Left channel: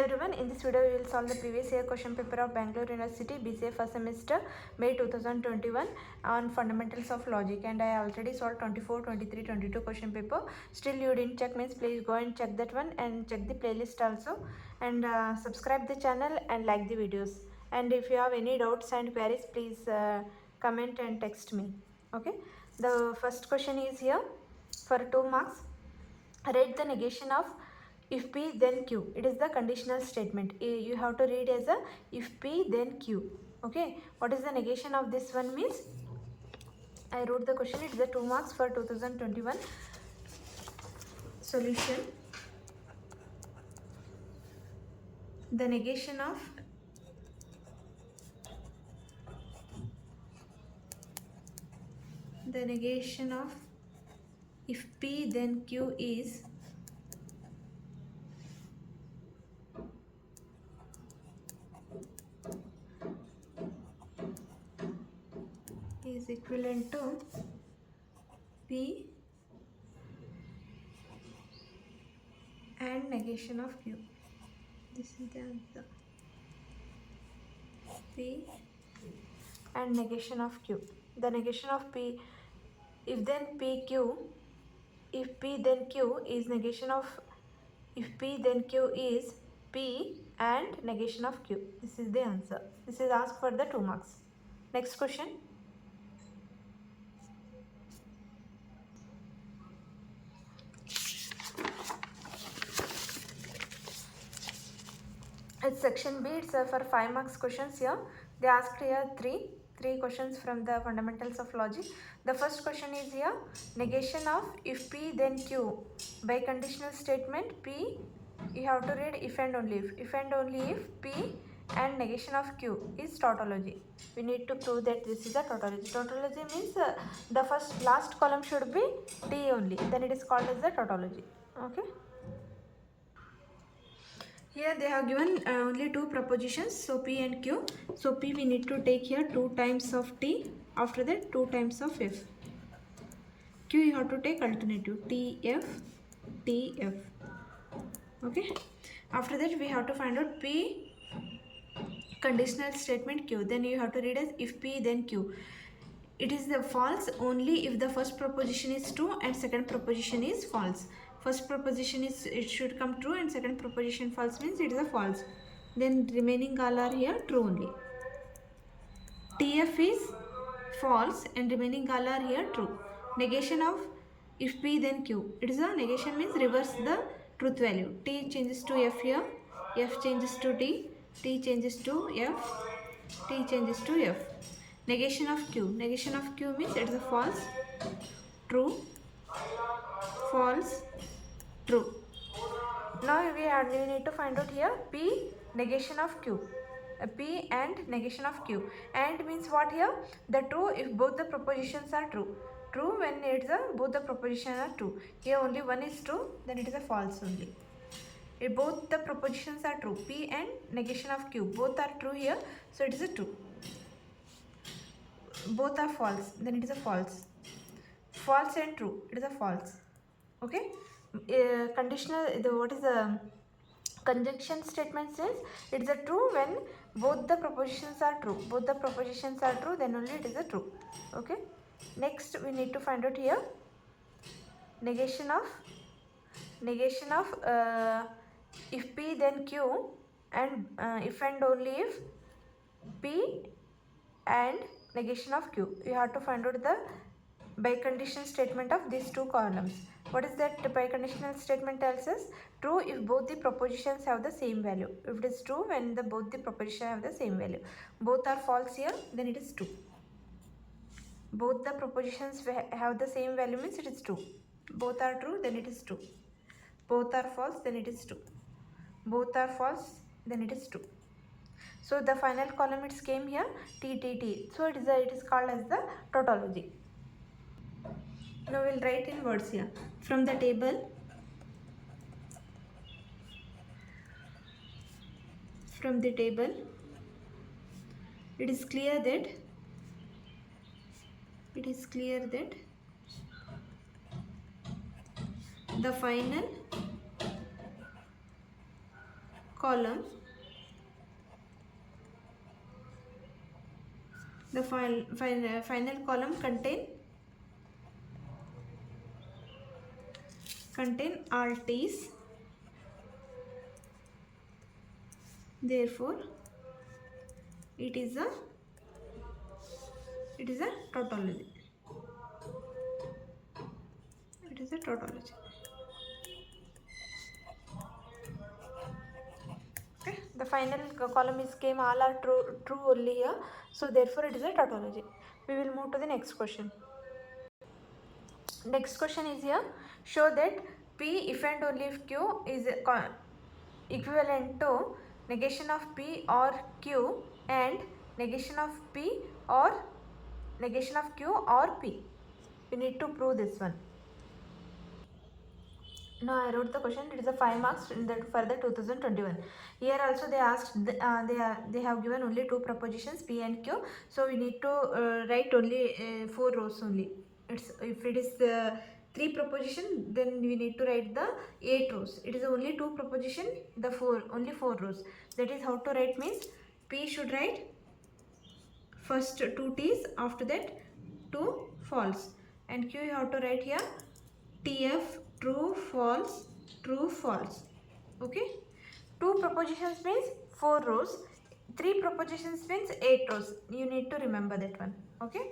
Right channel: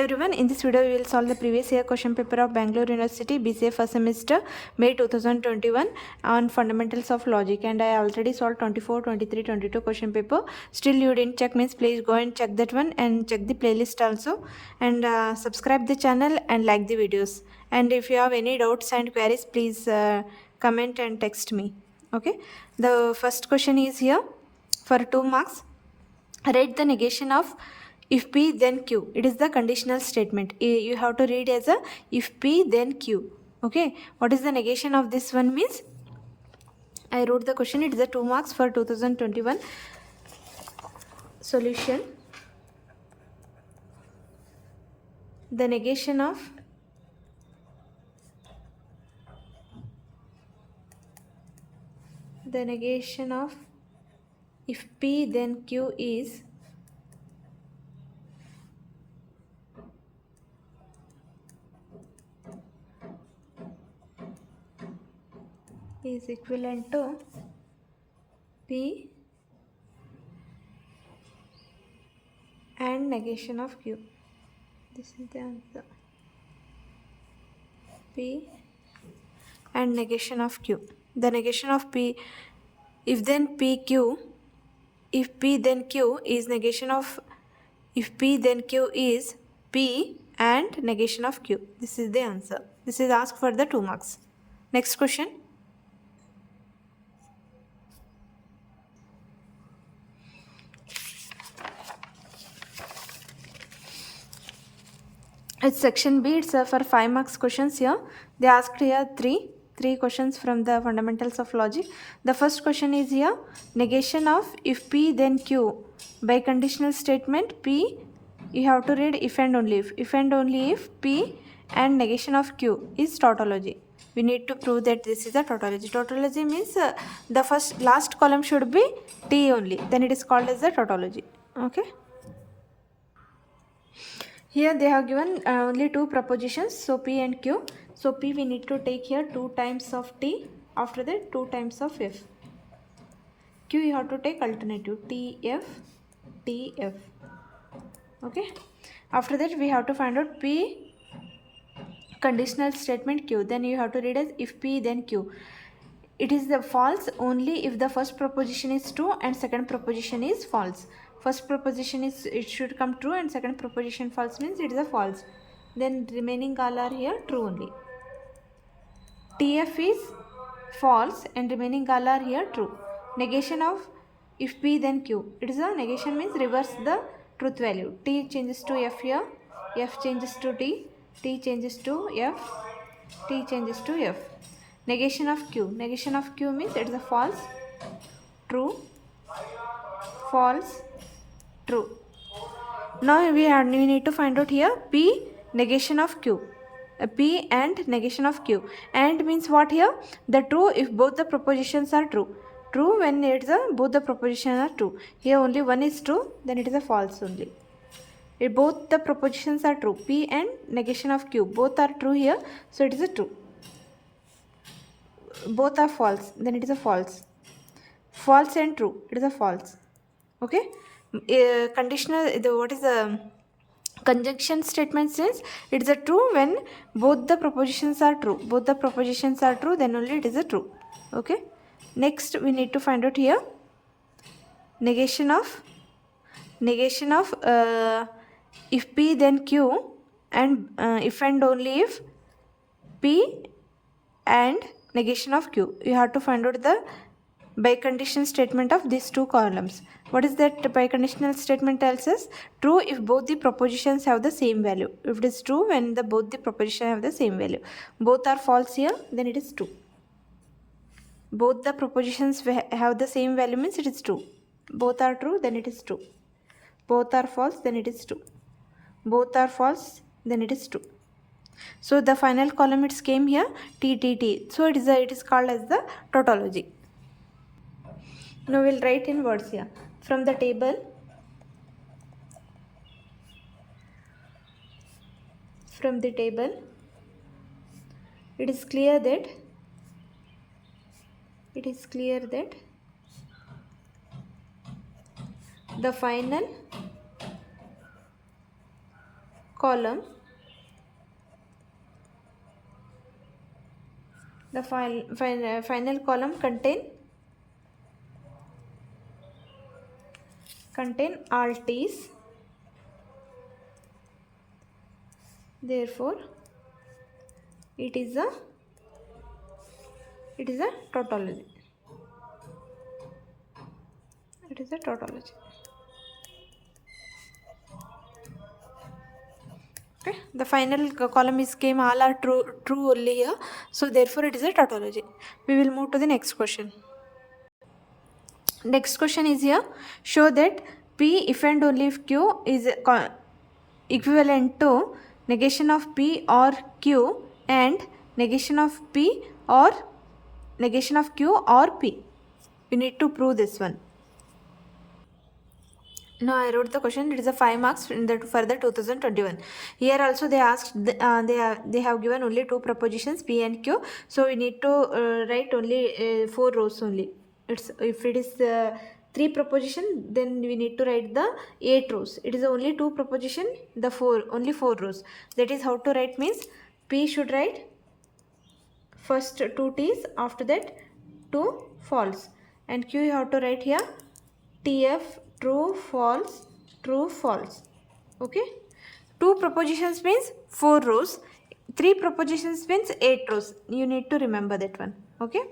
everyone, in this video we will solve the previous year question paper of Bangalore University BCA first semester May 2021 on fundamentals of logic, and I already solved 24, 23, 22 question paper. Still you didn't check, means please go and check that one and check the playlist also, and subscribe the channel and like the videos. And if you have any doubts and queries, please comment and text me. Okay, the first question is here for 2 marks. Write the negation of if P then Q. It is the conditional statement. You have to read as a if P then Q. Okay, what is the negation of this one means? I wrote the question. It is a 2 marks for 2021. Solution. The negation of if P then Q is equivalent to P and negation of Q. This is the answer. P and negation of Q. The negation of P, if then PQ, if P then Q is negation of, if P then Q is P and negation of Q. This is the answer. This is asked for the 2 marks. Next question. It's section B. It's for 5 marks questions here. They asked here three questions from the fundamentals of logic. The first question is here, negation of if P then Q by conditional statement P. You have to read if and only if P and negation of Q is tautology. We need to prove that this is a tautology. Tautology means the last column should be T only, then it is called as a tautology. Okay. Here they have given only 2 propositions, so P and Q. So P we need to take here 2 times of T, after that 2 times of F. Q you have to take alternative TF, TF. Okay. After that we have to find out P conditional statement Q. Then you have to read as if P then Q. It is the false only if the first proposition is true and second proposition is false. First proposition is it should come true and second proposition false means it is a false. Then remaining all are here true only. TF is false and remaining all are here true. Negation of if P then Q. It is a negation means reverse the truth value. T changes to F here, F changes to T, T changes to F, T changes to F. Negation of Q. Negation of Q means it is a false, true, false, true. Now we need to find out here P negation of Q. P and negation of Q. And means what here? The true if both the propositions are true. True when it's both the propositions are true. Here only one is true, then it is a false only. If both the propositions are true, P and negation of Q, both are true here, so it is a true. Both are false, then it is a false. False and true, it is a false. Okay. Conditional, what is the conjunction statement says it is a true when both the propositions are true. Both the propositions are true, then only it is a true. Okay. Next we need to find out here negation of if P then Q and if and only if P and negation of Q. You have to find out the biconditional statement of these 2 columns. What is that biconditional statement tells us? True if both the propositions have the same value. If it is true when both the propositions have the same value. Both are false here, then it is true. Both the propositions have the same value means it is true. Both are true, then it is true. Both are false, then it is true. Both are false, then it is true. So the final column it came here T, T, T. So it is called as the tautology. Now we'll write in words here. From the table, it is clear that the final column, the final column contain all t's, therefore it is a tautology. It is a tautology. Okay, the final column is came all are true only here, so therefore it is a tautology. We will move to the next question. Next question is here, show that p if and only if q is equivalent to negation of p or q and negation of p or negation of q or p. We need to prove this one. Now I wrote the question. It is a 5 marks for the 2021. Here also they asked they have given only two propositions p and q. So we need to write only 4 rows only. If it is 3 proposition, then we need to write the 8 rows. It is only 2 proposition, only 4 rows. That is how to write means p should write first 2 t's, after that 2 false, and q you have to write here tf true false. Okay, 2 propositions means 4 rows, 3 propositions means 8 rows. You need to remember that one. Okay,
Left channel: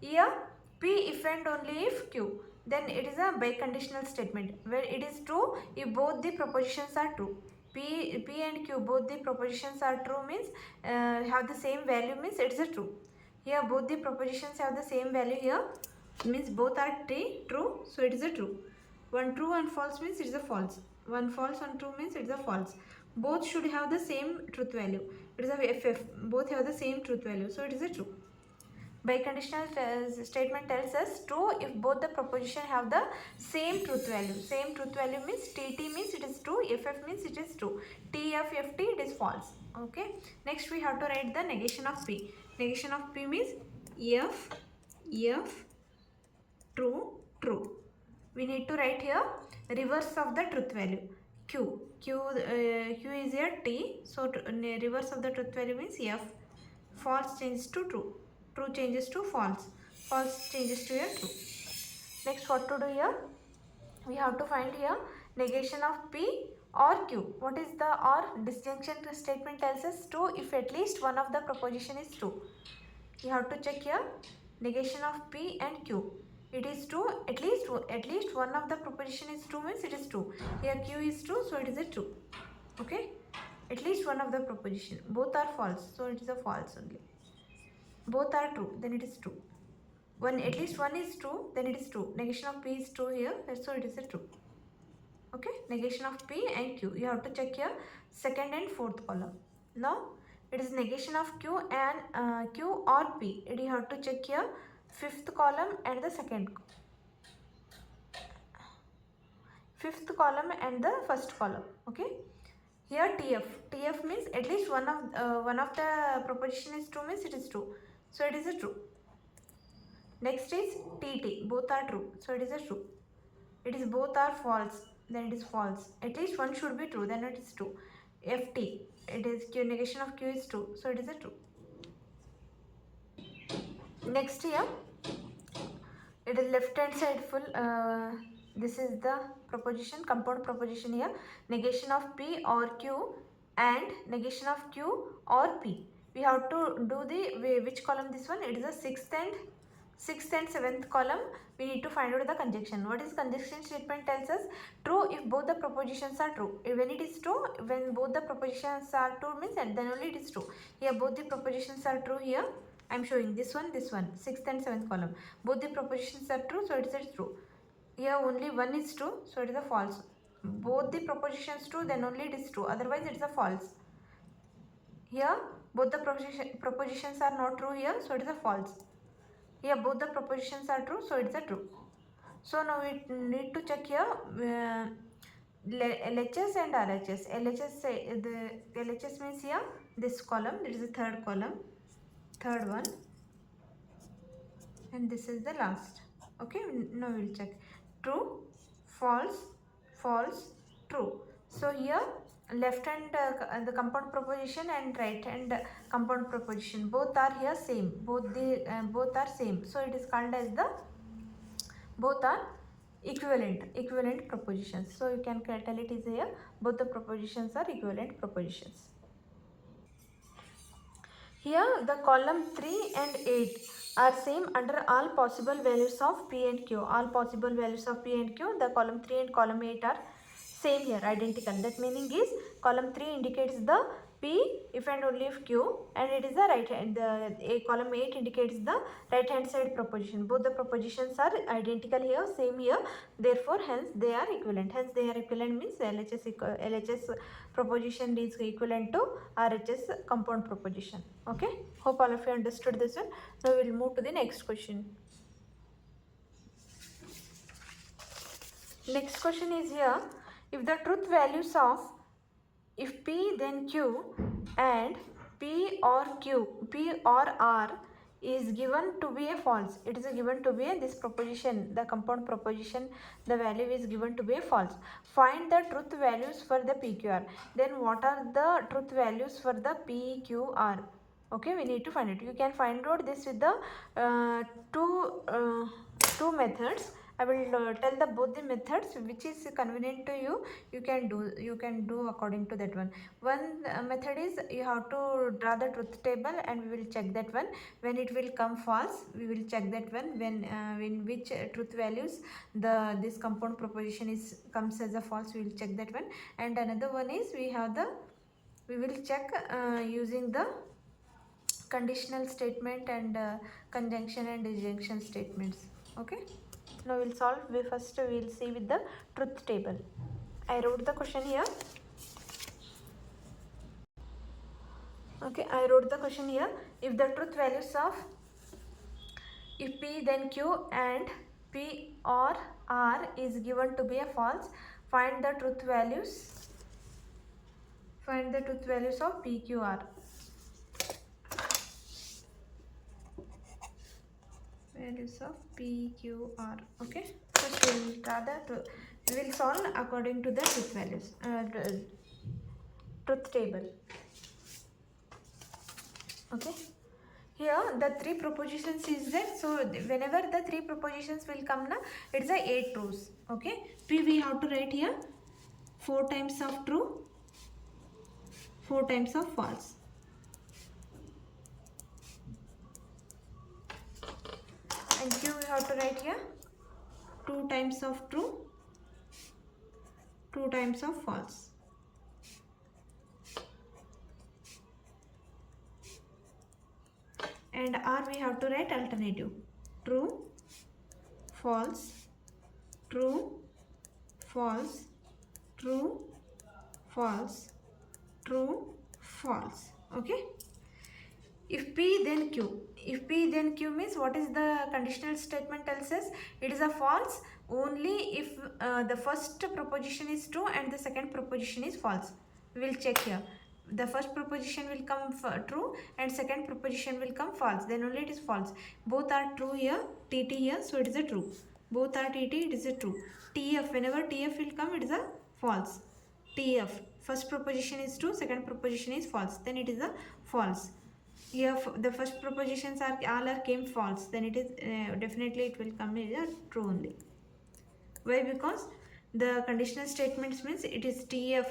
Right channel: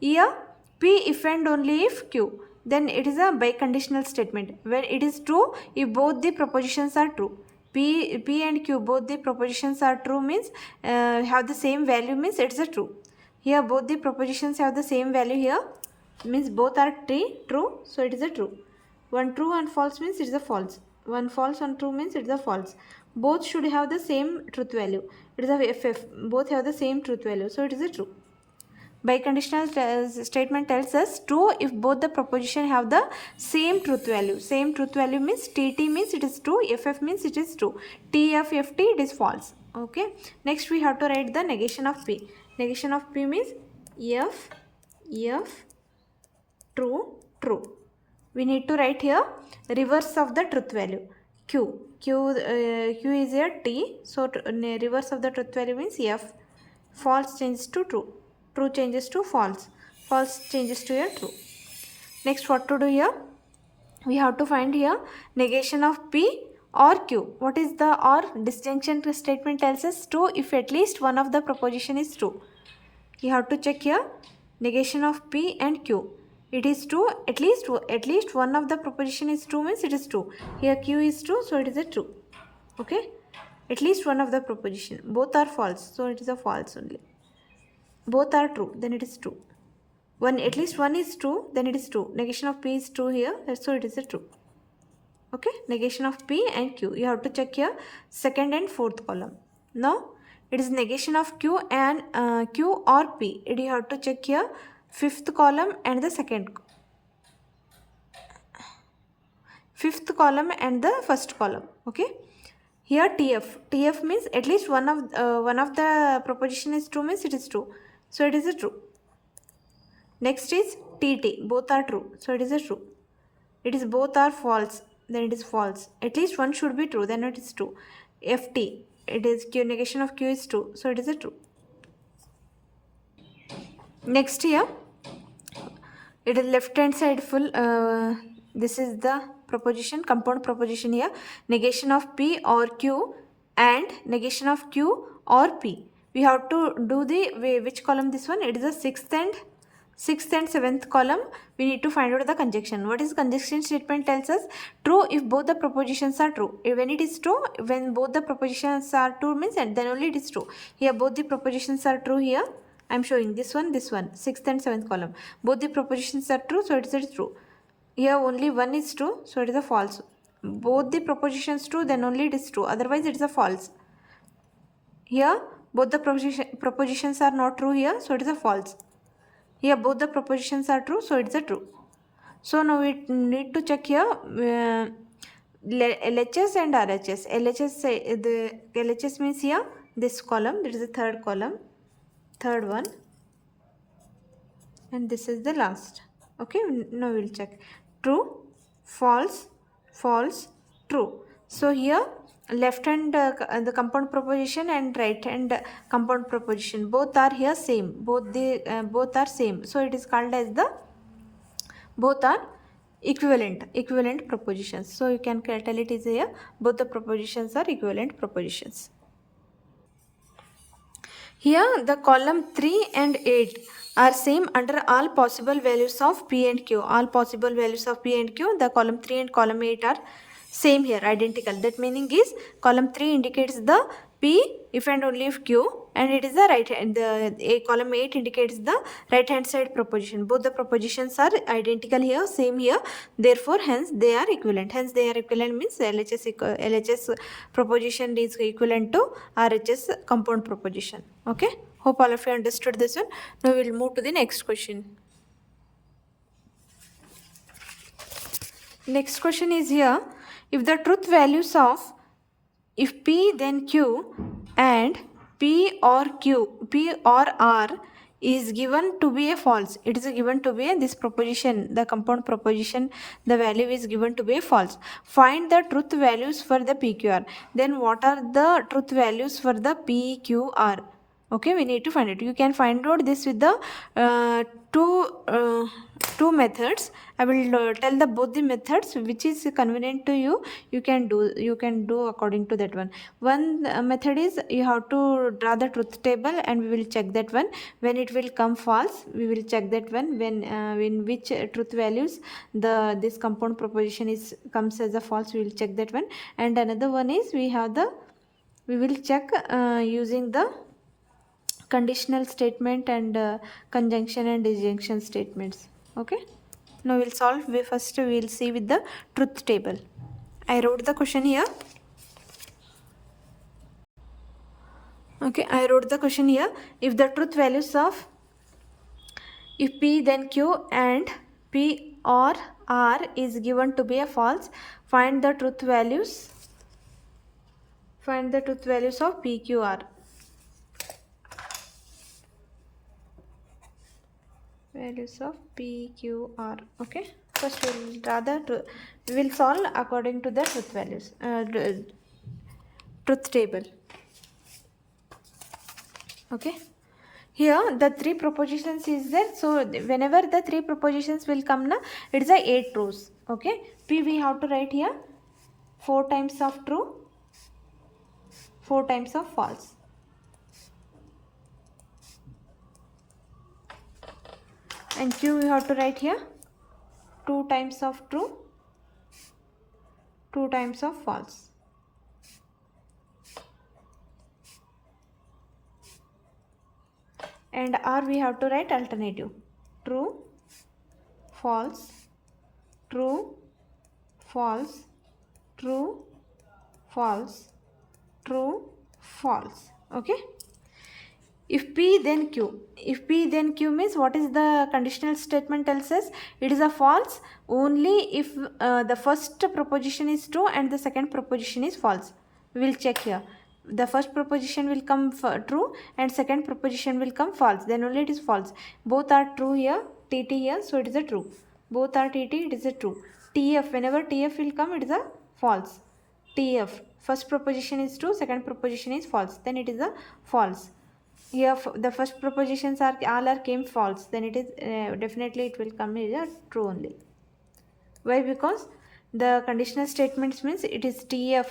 here p if and only if q, then it is a biconditional statement. When it is true if both the propositions are true. P and q both the propositions are true means have the same value means it is a true. Here both the propositions have the same value here means both are true, so it is a true. One true and false means it is a false. One false and true means it is a false. Both should have the same truth value. It is a FF. Both have the same truth value, so it is a true. Biconditional statement tells us true if both the proposition have the same truth value. Same truth value means TT means it is true, FF means it is true. TF, FT it is false. Okay. Next we have to write the negation of P. Negation of P means F, true. We need to write here reverse of the truth value. Q is here T, so reverse of the truth value means F. False changes to true, true changes to false, false changes to your true. Next what to do here? We have to find here negation of P or Q. What is the or? Disjunction statement tells us true if at least one of the proposition is true. You have to check here negation of P and Q. It is true, at least one of the proposition is true means it is true. Here Q is true, so it is a true. Okay, at least one of the proposition. Both are false, so it is a false only. Both are true, then it is true. At least one is true, then it is true. Negation of P is true here, so it is a true. Okay, negation of P and Q. You have to check here second and fourth column. Now it is negation of Q and Q or P. You have to check here fifth column and the fifth column and the first column. Okay, here TF means at least one of the proposition is true means it is true, so it is a true. Next is TT, both are true, so it is a true. It is both are false, then it is false. At least one should be true, then it is true. FT, it is Q, negation of Q is true, so it is a true. Next here, it is left hand side full. This is the proposition, compound proposition here. Negation of P or Q and negation of Q or P. We have to do the which column this one? It is the sixth and seventh column. We need to find out the conjunction. What is conjunction statement tells us? True if both the propositions are true. When it is true, when both the propositions are true means and then only it is true. Here both the propositions are true here. I am showing this one, sixth and seventh column. Both the propositions are true, so it is true. Here only one is true, so it is a false. Both the propositions true, then only it is true. Otherwise it is a false. Here both the propositions are not true here, so it is a false. Here both the propositions are true, so it is a true. So now we need to check here LHS and RHS. LHS means here this column, it is the third column, third one, and this is the last. Okay, now we'll check true, false, true. So here left hand the compound proposition and right hand compound proposition, both are here same, both are same, so it is called as the both are equivalent propositions. So you can tell it is here both the propositions are equivalent propositions. Here the column 3 and 8 are same under all possible values of P and Q. All possible values of P and Q, the column 3 and column 8 are same here, identical. That meaning is column 3 indicates the P if and only if Q, and it is the right hand, column 8 indicates the right hand side proposition. Both the propositions are identical here, same here, therefore hence they are equivalent. Hence they are equivalent means LHS proposition is equivalent to RHS compound proposition. Okay, hope all of you understood this one. Now we will move to the next question. Next question is here, if the truth values of if P then Q and P or R is given to be a false, it is given to be this proposition, the compound proposition, the value is given to be a false. Find the truth values for the PQR. Then what are the truth values for the PQR? Okay, we need to find it. You can find out this with the two methods. I will tell the both the methods which is convenient to you. You can do according to that one. One method is you have to draw the truth table and we will check that one. When it will come false, we will check that one. When in which truth values this compound proposition comes as a false, we will check that one. And another one is we will check using the conditional statement and conjunction and disjunction statements. Okay, now we'll solve. First we'll see with the truth table. I wrote the question here. Okay, I wrote the question here. If the truth values of if P then Q and P or R is given to be a false, find the truth values of PQR. Values of PQR. Okay, first we will solve according to the truth values, truth table. Okay, here the three propositions is there, so whenever the three propositions will come na, it is a 8 truths. Okay, P we have to write here 4 times of true, 4 times of false. And Q we have to write here 2 times of true, 2 times of false. And R we have to write alternative, true, false, true, false, true, false, true, false. Okay, if P then Q, means what is the conditional statement tells us? It is a false only if the first proposition is true and the second proposition is false. We will check here. The first proposition will come true and second proposition will come false, then only it is false. Both are true here, TT here, so it is a true. Both are TT, it is a true. TF, whenever TF will come, it is a false. TF, first proposition is true, second proposition is false, then it is a false. Here the first propositions are came false, then it is definitely it will come as a true only. Why? Because the conditional statements means it is TF.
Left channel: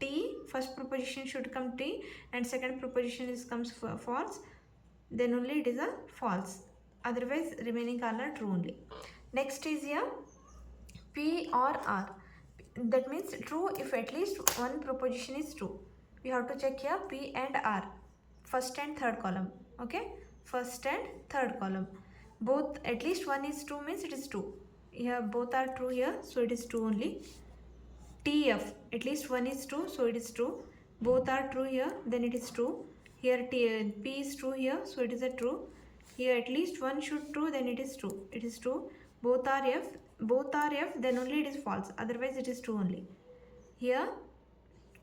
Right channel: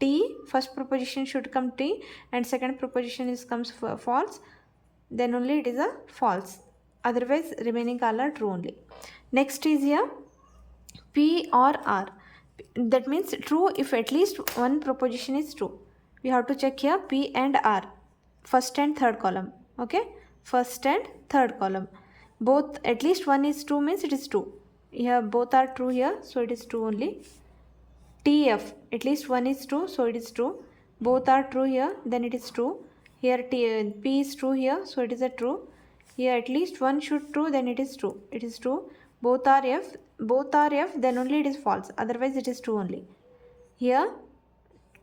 T, first proposition should come T and second proposition comes false, then only it is a false, otherwise remaining all are true only. Next is here P or R, that means true if at least one proposition is true. We have to check here P and R, first and third column. Okay, first and third column, both at least one is true means it is true. Here both are true here, so it is true only. TF, at least one is true, so it is true. Both are true here, then it is true. Here P is true here, so it is a true. Here at least one should true, then it is true. It is true. Both are F, then only it is false. Otherwise it is true only. Here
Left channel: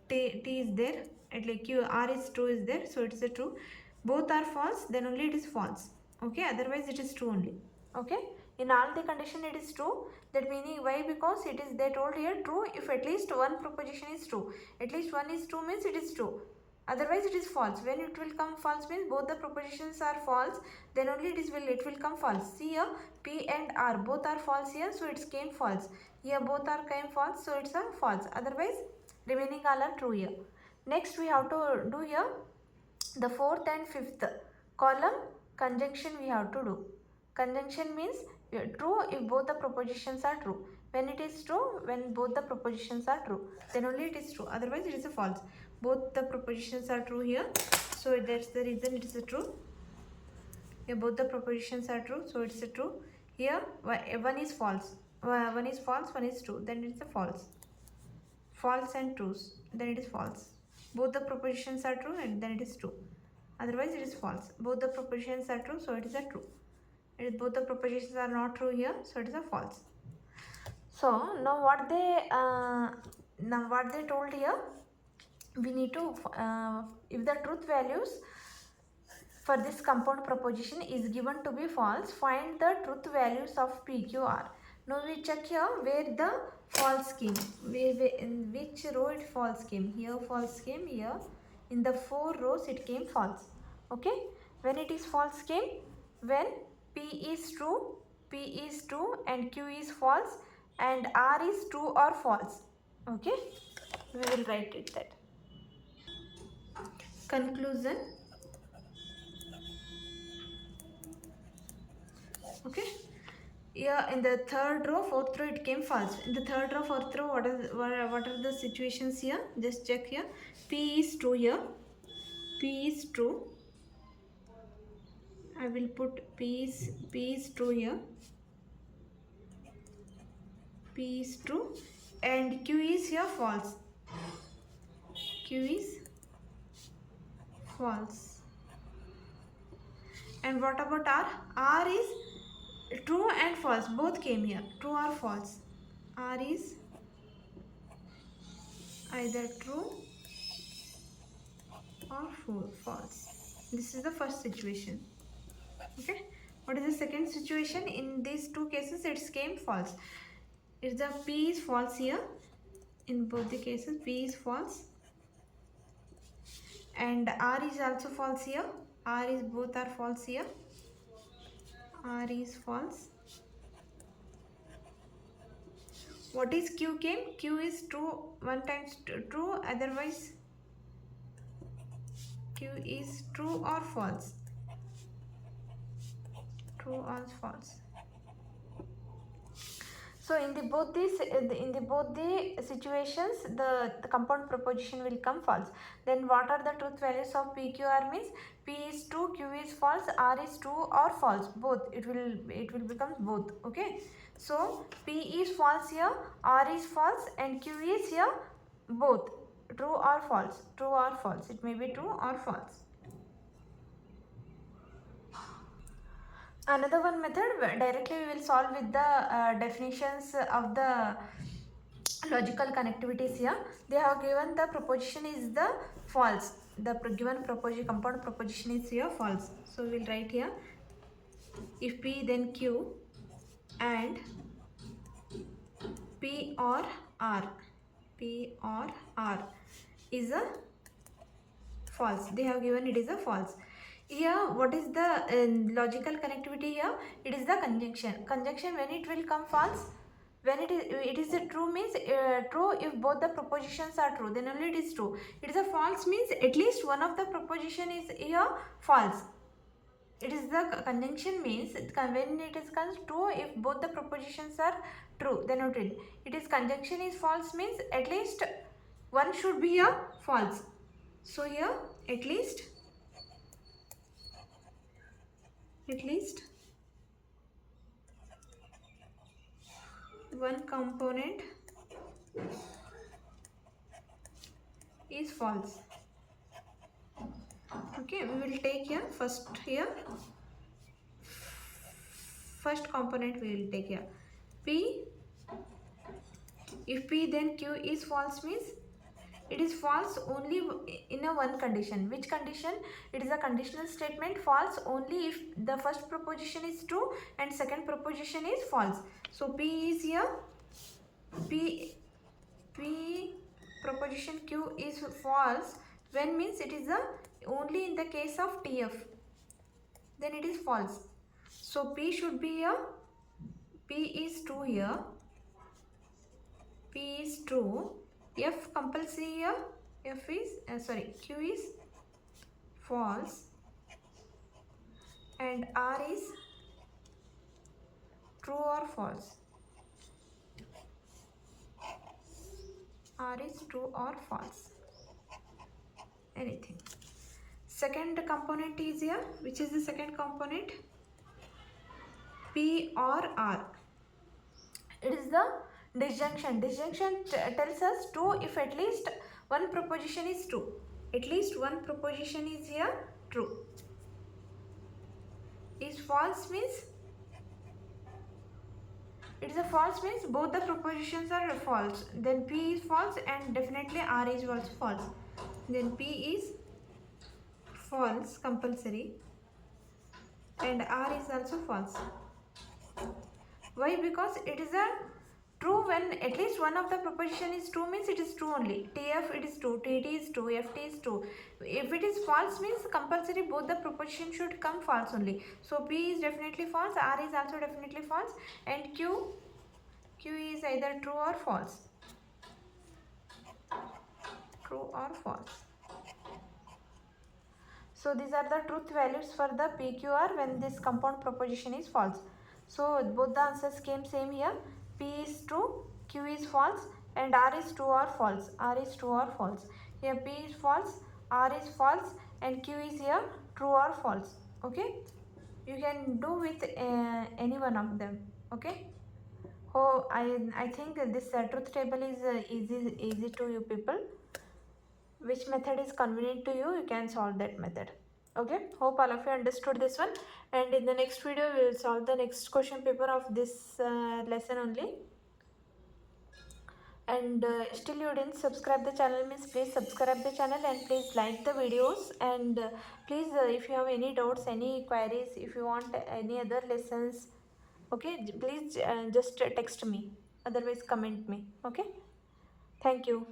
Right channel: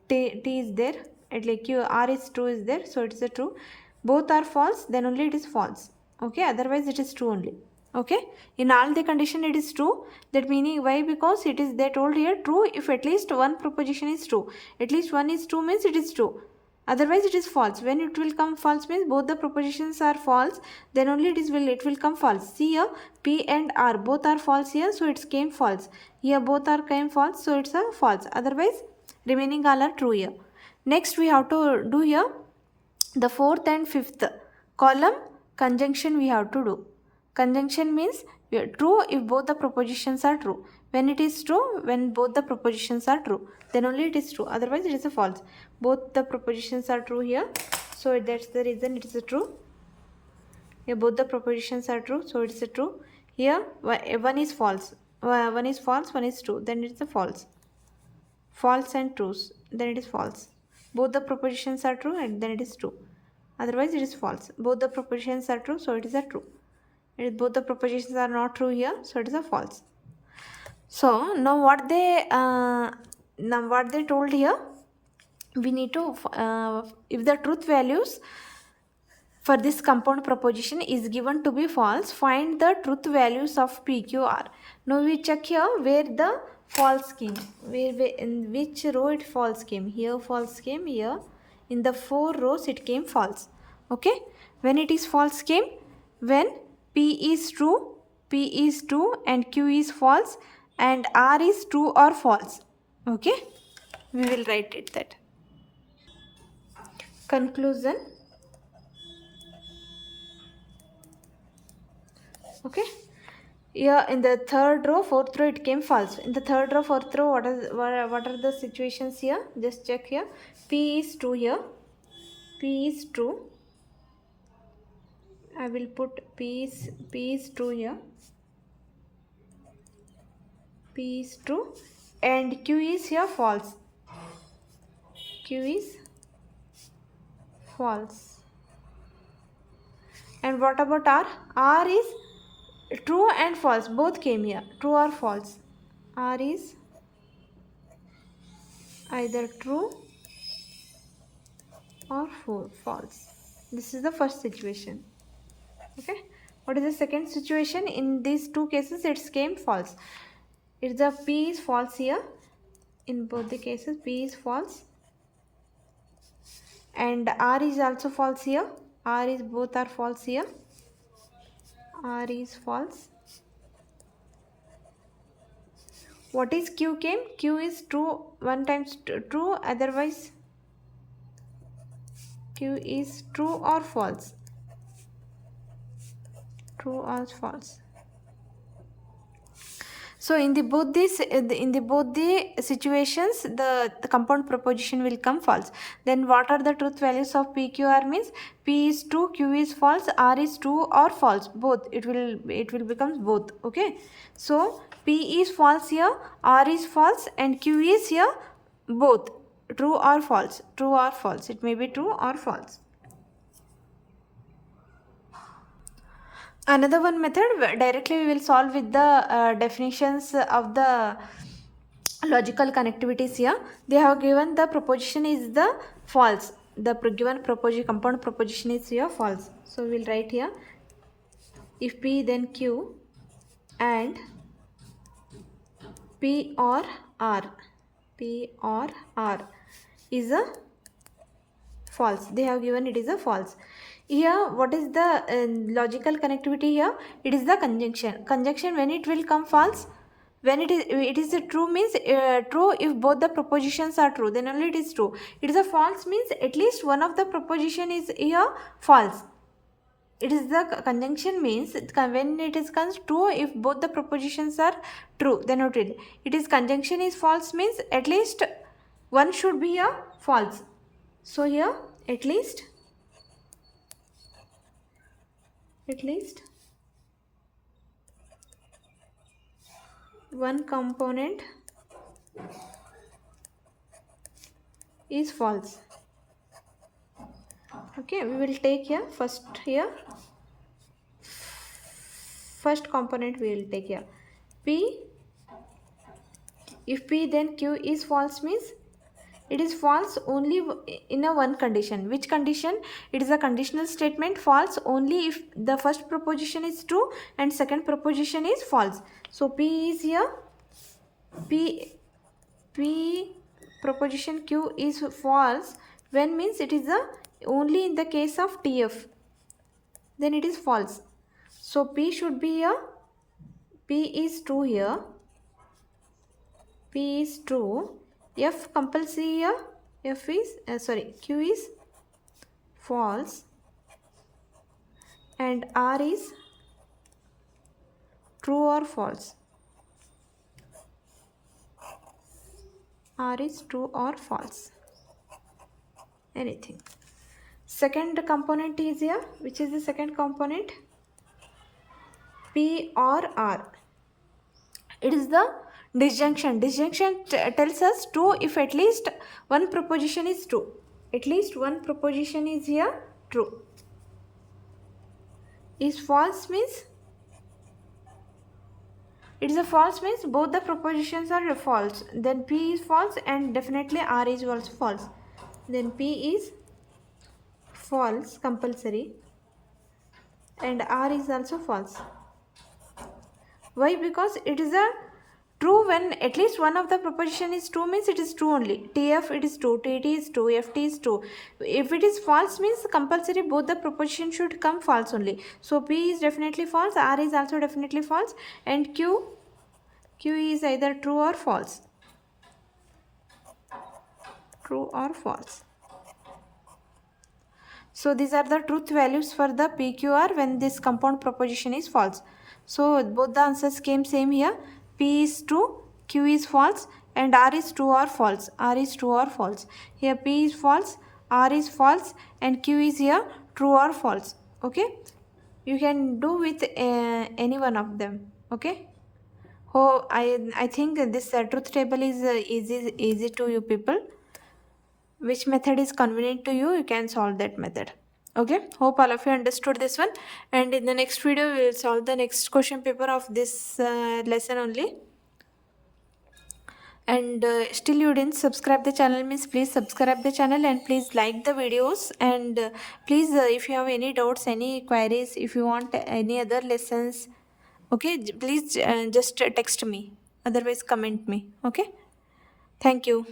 T is there, at like Q, R is true is there, so it is a true. Both are false, then only it is false. Okay, otherwise it is true only. Okay, in all the condition it is true. That meaning why? Because it is, they told here, true if at least one proposition is true. At least one is true means it is true, otherwise it is false. When it will come false means both the propositions are false, then only it will come false. See here, P and R both are false here, so it came false. Here both are came false, so it's a false, otherwise remaining all are true here. Next we have to do here the fourth and fifth column conjunction we have to do. Conjunction means true if both the propositions are true. When it is true, when both the propositions are true, then only it is true, otherwise it is a false. Both the propositions are true here, so that's the reason it is a true. Here both the propositions are true, so it's a true. Here one is false, one is false, one is true, then it's a false. False and trues, then it is false. Both the propositions are true and then it is true, otherwise it is false. Both the propositions are true, so it is a true. Both the propositions are not true here, so it is a false. So now what they told here, we need to if the truth values for this compound proposition is given to be false, find the truth values of PQR. Now we check here where the false came, where in which row it false came. Here false came, here in the 4 rows it came false. Okay, when it is false came, when P is true, and Q is false, and R is true or false. Okay, we will write it that. Conclusion. Okay, here in the 3rd row, 4th row it came false. In the 3rd row, 4th row, what are the situations here? Just check here. P is true here. P is true. I will put P is true here. P is true, and Q is here false. Q is false. And what about R? R is true and false, both came here, true or false. R is either true or false. This is the first situation. Okay, what is the second situation? In these two cases it came false. It's the P is false here. In both the cases P is false, and R is also false here. R is, both are false here. R is false. What is Q came? Q is true, one times true, otherwise Q is true or false. True or false. So in the both the situations the compound proposition will come false. Then what are the truth values of PQR? Means P is true, Q is false, R is true or false, both. It will become both. Okay, so P is false here, R is false, and Q is here both, true or false. True or false, it may be true or false. Another one method, directly we will solve with the definitions of the logical connectivities here. They have given the proposition is the false. The given compound proposition is here false. So we will write here, if P then Q and P or R is a false. They have given it is a false. Here what is the logical connectivity here? It is the conjunction. Conjunction, when it will come false, when it is a true means true if both the propositions are true, then only it is true. It is a false means at least one of the proposition is here false. It is the conjunction means when it is comes true if both the propositions are true, then it is conjunction is false means at least one should be here false. So here at least one component is false. Okay, we will take here first component we will take here P. If P then Q is false means it is false only in a one condition. Which condition? It is a conditional statement, false only if the first proposition is true and second proposition is false. So P is here, P proposition Q is false when means it is only in the case of TF, then it is false. So P should be here, P is true here, P is true, F compulsory here, F is Q is false and R is true or false. R is true or false, anything. Second component is here. Which is the second component? P or R. It is the disjunction. Disjunction tells us true if at least one proposition is true. At least one proposition is here true. Is false means it is a false means both the propositions are false. Then P is false and definitely R is also false. Then P is false compulsory and R is also false. Why? Because it is a true when at least one of the proposition is true means it is true only. TF it is true, TT is true, FT is true. If it is false means compulsory both the proposition should come false only. So P is definitely false, R is also definitely false and Q is either true or false. True or false. So these are the truth values for the PQR when this compound proposition is false. So both the answers came same here. P is true, Q is false and R is true or false. R is true or false. Here P is false, R is false and Q is here true or false. Okay. You can do with any one of them. Okay. Oh, I think this truth table is easy to you people. Which method is convenient to you, you can solve that method. Okay, hope all of you understood this one, and in the next video we will solve the next question paper of this lesson only. And still you didn't subscribe the channel means please subscribe the channel and please like the videos, and please if you have any doubts, any queries, if you want any other lessons, okay, please just text me, otherwise comment me. Okay, thank you.